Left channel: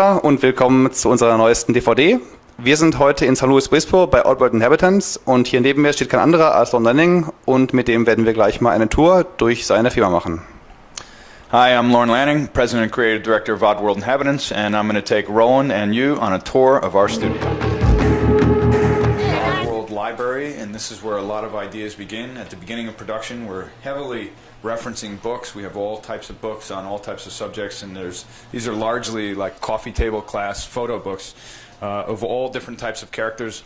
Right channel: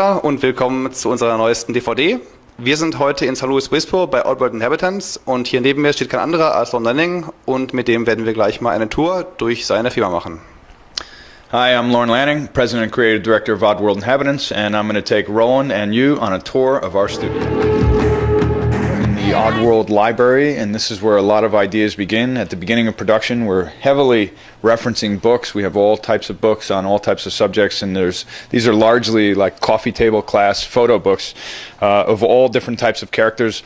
Und willkommen zu unserer neuesten DVD. Wir sind heute in St. Louis Obispo bei Oddworld Inhabitants und hier neben mir steht kein anderer als Lon Lanning und mit dem werden wir gleich mal eine Tour durch seine Firma machen. Hi, I'm Lorne Lanning, President and Creative Director of Oddworld Inhabitants, and I'm going to take Roland and you on a tour of our studio. The Oddworld Library, and this is where a lot of ideas begin. At the beginning of production, we're heavily referencing books. We have all types of books on all types of subjects, and these are largely like coffee table class photo books of all different types of characters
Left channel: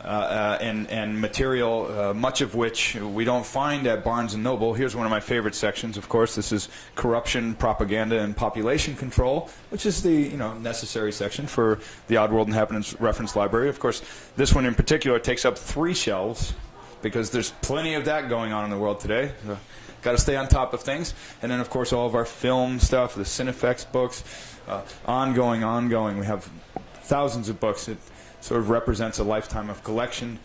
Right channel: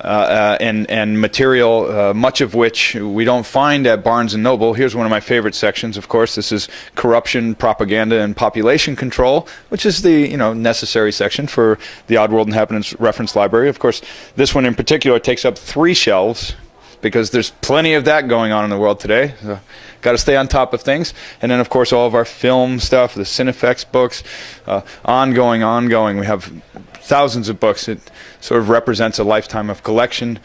and material, much of which we don't find at Barnes & Noble. Here's one of my favorite sections, of course. This is corruption, propaganda, and population control, which is the necessary section for the Oddworld Inhabitants reference library. Of course, this one in particular takes up 3 shelves because there's plenty of that going on in the world today. So, got to stay on top of things. And then, of course, all of our film stuff, the Cinefex books, ongoing. We have thousands of books. It sort of represents a lifetime of collection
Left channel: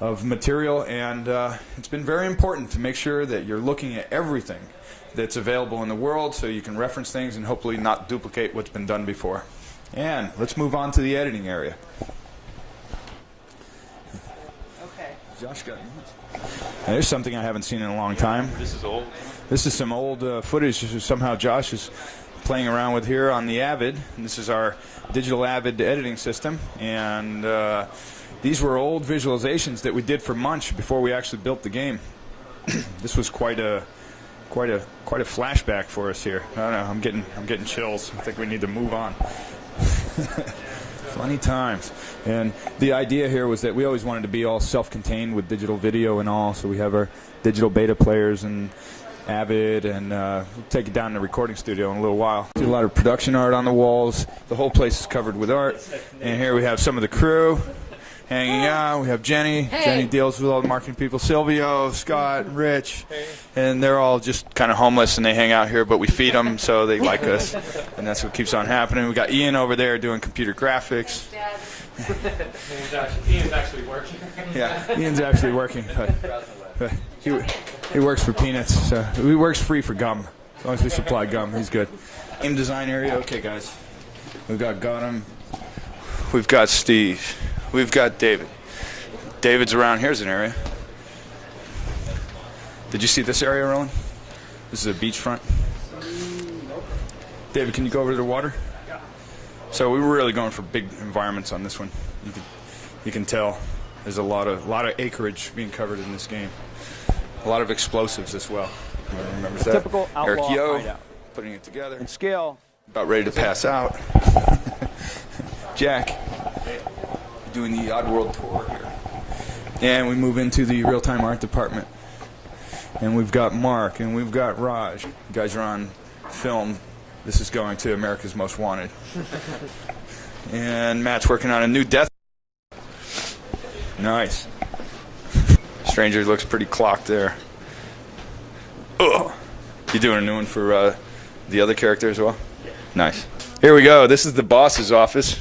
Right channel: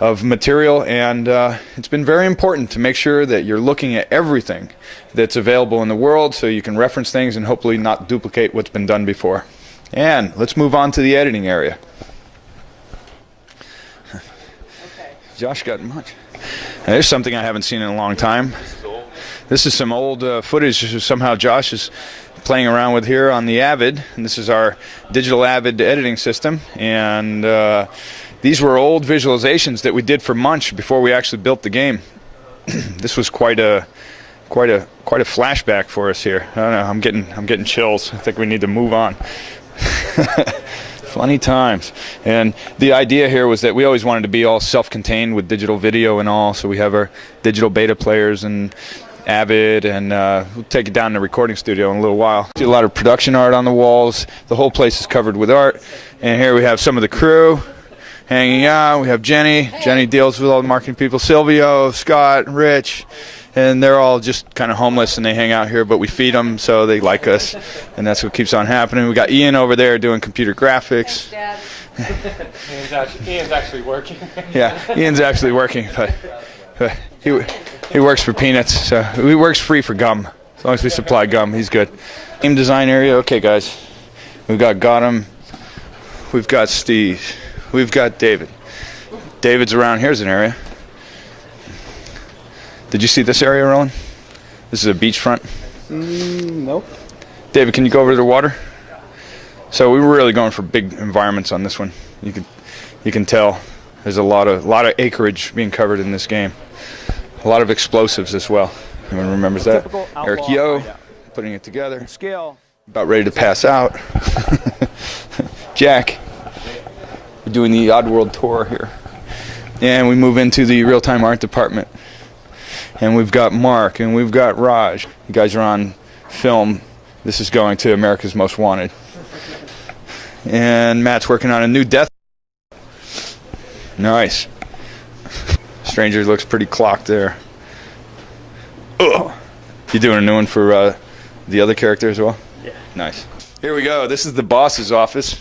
of material, and it's been very important to make sure that you're looking at everything that's available in the world so you can reference things and hopefully not duplicate what's been done before. And let's move on to the editing area. Okay. Josh got much. Now, there's something I haven't seen in a long time. This is old. This is some old footage somehow Josh is playing around with here on the Avid, and this is our digital Avid editing system, and these were old visualizations that we did for Munch before we actually built the game. This was quite a flashback for us here. I don't know, I'm getting chills. I think we need to move on. Funny times. And the idea here was that we always wanted to be all self-contained with digital video and all, so we have our digital beta players and Avid, and we'll take it down to the recording studio in a little while. See a lot of production art on the walls. The whole place is covered with art. And here we have some of the crew hanging out. We have Jenny. Hey. Jenny deals with all the marketing people. Silvio, Scott, Rich. And they're all just kind of homeless and they hang out here, but we feed them so they like us. And that's what keeps on happening. We got Ian over there doing computer graphics. Ian's actually working. Yeah, Ian's actually working. But he works for peanuts, so he works free for gum. As long as we supply gum, he's good. Game design area, okay guys. We've got Gotham, we've got Steve, we've got David. David's around, here's an area. Did you see this area, Roland? This is a beachfront. Nope. David, can you go over to the water? So we were really going for big environments on this one. You can tell there's a lot of acreage being covered in this game. A lot of explosives as well. Anyone remembers that? Eric Yo putting it together. And scale. About ready to pass out. Jack. We're doing the Oddworld tour here. And we move into the real-time art department. And we've got Mark and we've got Raj. You guys are on film. This is going to America's Most Wanted. And Matt's working on a new death. Nice. Stranger looks pretty clocked there. Ugh. You doing a new one for the other character as well? Yeah. Nice. Here we go. This is the boss's office.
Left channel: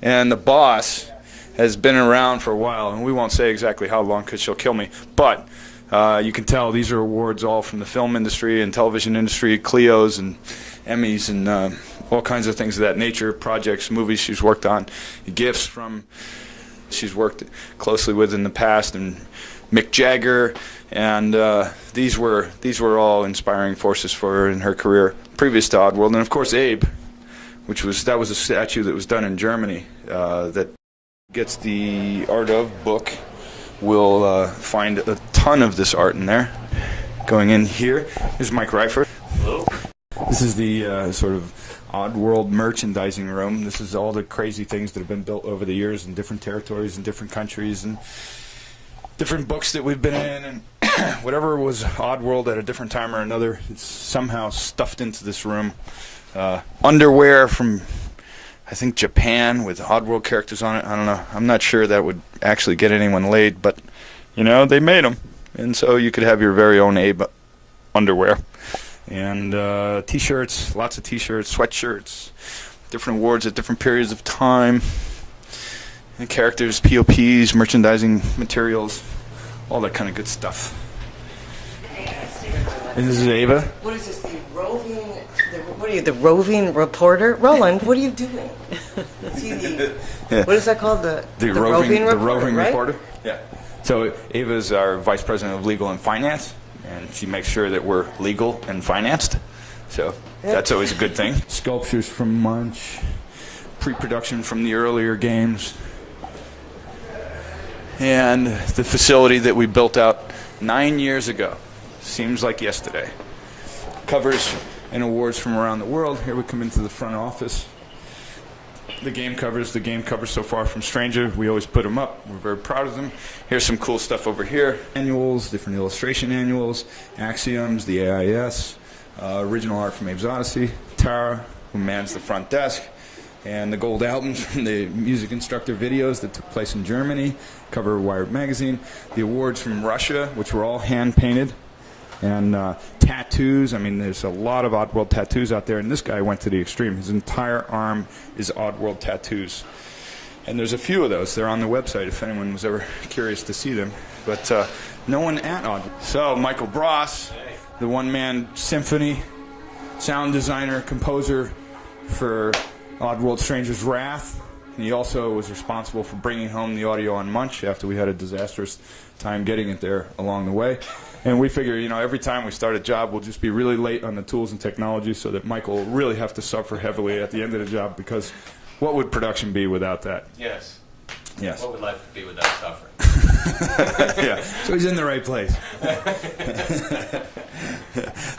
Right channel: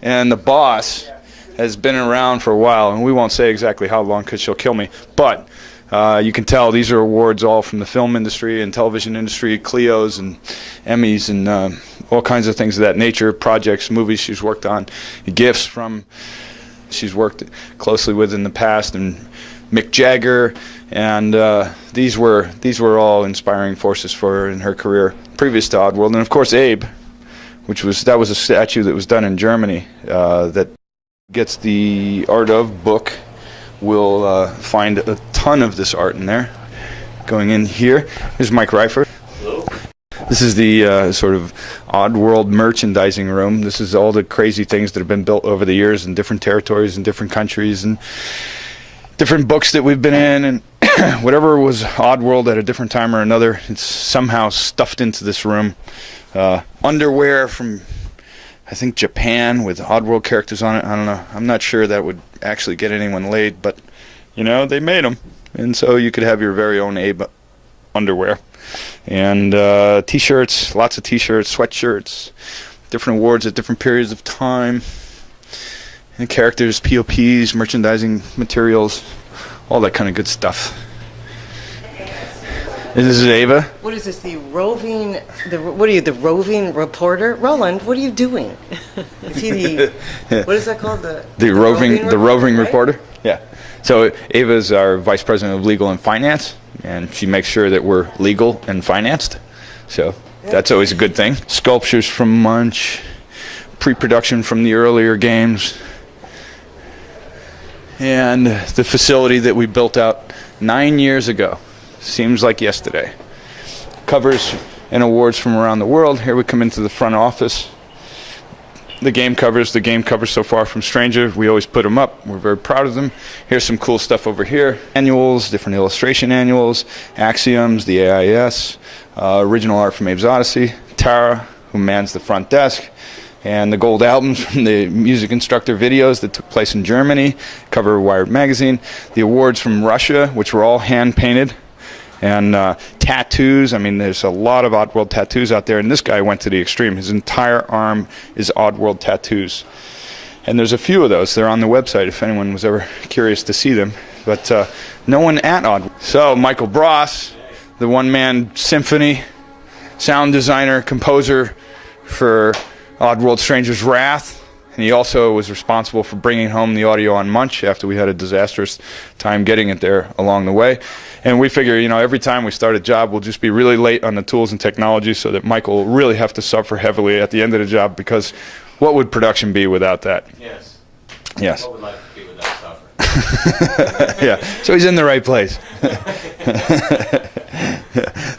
And the boss has been around for a while, and we won't say exactly how long because she'll kill me. But you can tell these are awards all from the film industry and television industry, Clios and Emmys and all kinds of things of that nature, projects, movies she's worked on, gifts from she's worked closely with in the past, and Mick Jagger, and these were all inspiring forces for her in her career previous to Oddworld. And of course Abe, that was a statue that was done in Germany that gets the art of book. We'll find a ton of this art in there. Going in here, here's Mike Reifer. Hello. This is the sort of Oddworld merchandising room. This is all the crazy things that have been built over the years in different territories and different countries and different books that we've been in, and whatever was Oddworld at a different time or another, it's somehow stuffed into this room. Underwear from, I think, Japan with Oddworld characters on it. I don't know. I'm not sure that would actually get anyone laid, but, they made them. And so you could have your very own Abe underwear. And T-shirts, lots of T-shirts, sweatshirts, different awards at different periods of time. And characters, POPs, merchandising materials, all that kind of good stuff. This is Ava. What is this? The roving reporter? Roland, what are you doing? Is he the? Yeah. What is that called? The roving right? reporter. Yeah. So Ava is our vice president of legal and finance, and she makes sure that we're legal and financed. So that's always a good thing. Sculptures from Munch, pre-production from the earlier games, and the facility that we built out 9 years ago. Seems like yesterday. Covers and awards from around the world. Here we come into the front office. The game covers so far from Stranger. We always put them up. We're very proud of them. Here's some cool stuff over here. Annuals, different illustration annuals, Axioms, the AIS, original art from Abe's Odyssey, Tara, who mans the front desk, and the gold albums from the music instructor videos that took place in Germany, cover of Wired magazine, the awards from Russia, which were all hand-painted, and tattoos. I mean, there's a lot of Oddworld tattoos out there, and this guy went to the extreme. His entire arm is Oddworld tattoos. And there's a few of those. They're on the website if anyone was ever curious to see them. But no one at Oddworld. So Michael Bross, the one-man symphony, sound designer, composer for Oddworld Stranger's Wrath. And he also was responsible for bringing home the audio on Munch after we had a disastrous time getting it there along the way. And we figure, you know, every time we start a job, we'll just be really late on the tools and technology so that Michael will really have to suffer heavily at the end of the job, because what would production be without that? Yes. Yes. What would life be without suffering? Yeah, so he's in the right place.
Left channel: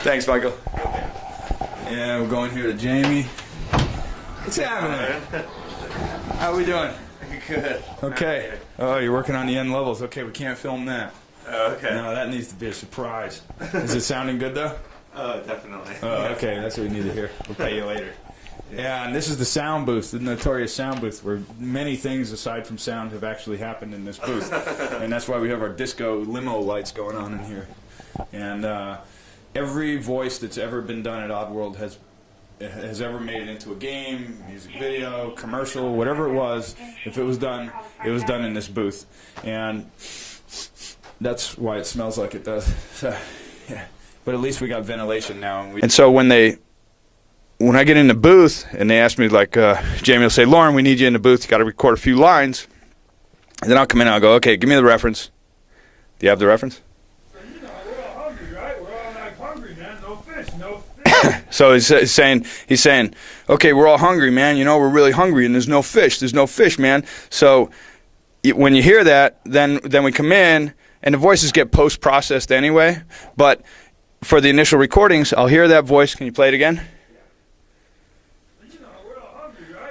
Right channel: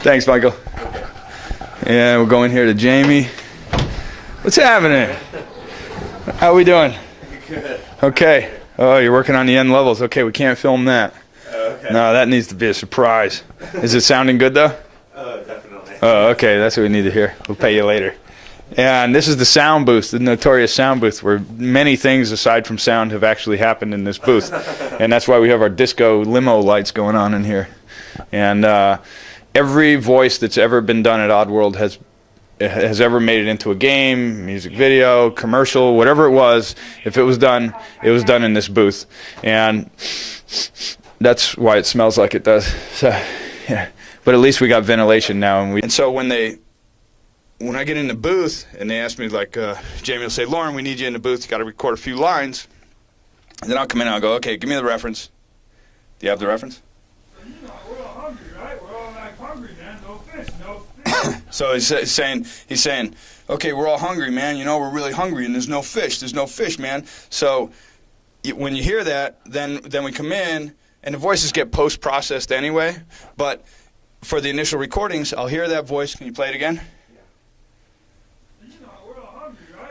Thanks, Michael. Yeah, we'll go in here to Jamie. What's happening? How are we doing? Good. Okay. Oh, you're working on the end levels. Okay, we can't film that. Okay. No, that needs to be a surprise. Is it sounding good, though? Definitely. Oh, okay, that's what we need to hear. We'll pay you later. And this is the sound booth, the notorious sound booth, where many things aside from sound have actually happened in this booth. And that's why we have our disco limo lights going on in here. And every voice that's ever been done at Oddworld has ever made it into a game, music video, commercial, whatever it was. If it was done in this booth. And that's why it smells like it does. So, yeah. But at least we got ventilation now. And so when I get in the booth and they ask me, like, Jamie will say, Lauren, we need you in the booth. You got to record a few lines. And then I'll come in and I'll go, okay, give me the reference. Do you have the reference? You know, we're all hungry, right? We're all like hungry, man. No fish, no fish. So he's saying, okay, we're all hungry, man. You know, we're really hungry, and there's no fish. There's no fish, man. So when you hear that, then we come in, and the voices get post-processed anyway. But for the initial recordings, I'll hear that voice. Can you play it again?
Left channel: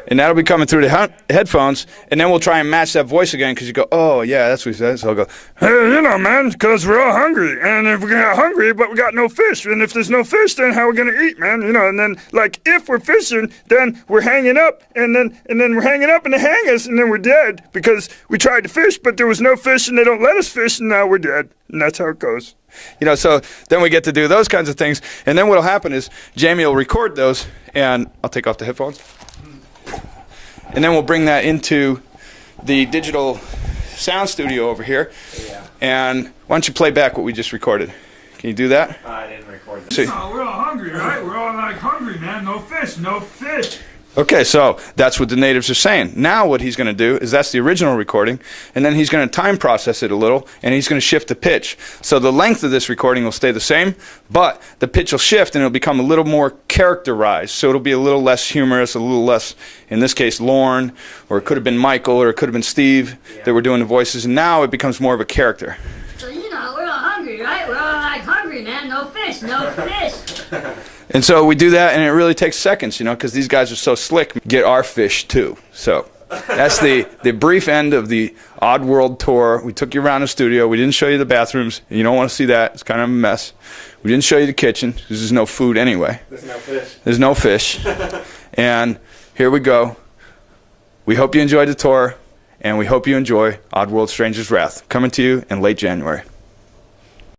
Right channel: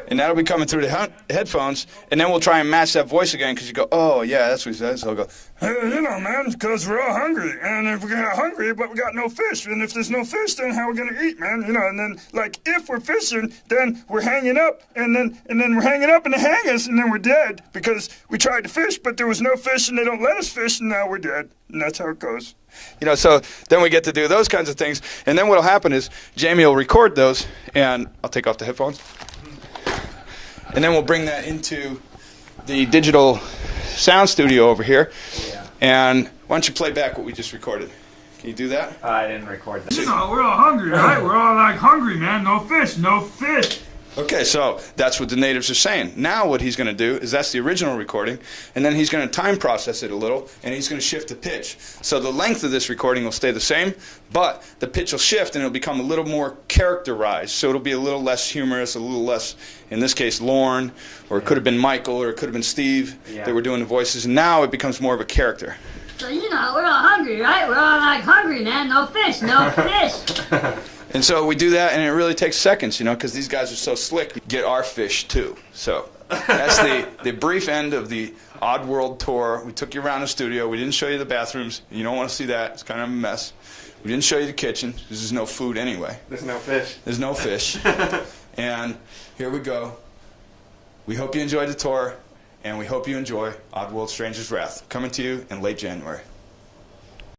And that'll be coming through the headphones, and then we'll try and match that voice again, because you go, oh, yeah, that's what he says. So I'll go, Hey, you know, man, because we're all hungry. And if we're hungry, but we got no fish. And if there's no fish, then how are we going to eat, man? You know, and then, like, if we're fishing, then we're hanging up. And then we're hanging up, and they hang us, and then we're dead. Because we tried to fish, but there was no fish, and they don't let us fish, and now we're dead. And that's how it goes. You know, so then we get to do those kinds of things. And then what'll happen is Jamie will record those, and I'll take off the headphones. And then we'll bring that into the digital sound studio over here. Yeah. And why don't you play back what we just recorded? Can you do that? I didn't record this. You know, we're all hungry, right? We're all like hungry, man. No fish, no fish. Okay, so that's what the natives are saying. Now what he's going to do is that's the original recording, and then he's going to time process it a little, and he's going to shift the pitch. So the length of this recording will stay the same, but the pitch will shift, and it'll become a little more characterized. So it'll be a little less humorous, a little less, in this case, Lorne, or it could have been Michael, or it could have been Steve that were doing the voices, and now it becomes more of a character. So, you know, we're all hungry, right? We're all like hungry, man. No fish, no fish. And so we do that, and it really takes seconds, you know, because these guys are so slick. Get our fish, too. So that's the brief end of the Oddworld tour. We took you around the studio. We didn't show you the bathrooms. You don't want to see that. It's kind of a mess. We didn't show you the kitchen, because there's no food anyway. There's no fish. There's no fish. And here we go. We hope you enjoyed the tour, and we hope you enjoy Oddworld Stranger's Wrath, coming to you in late January.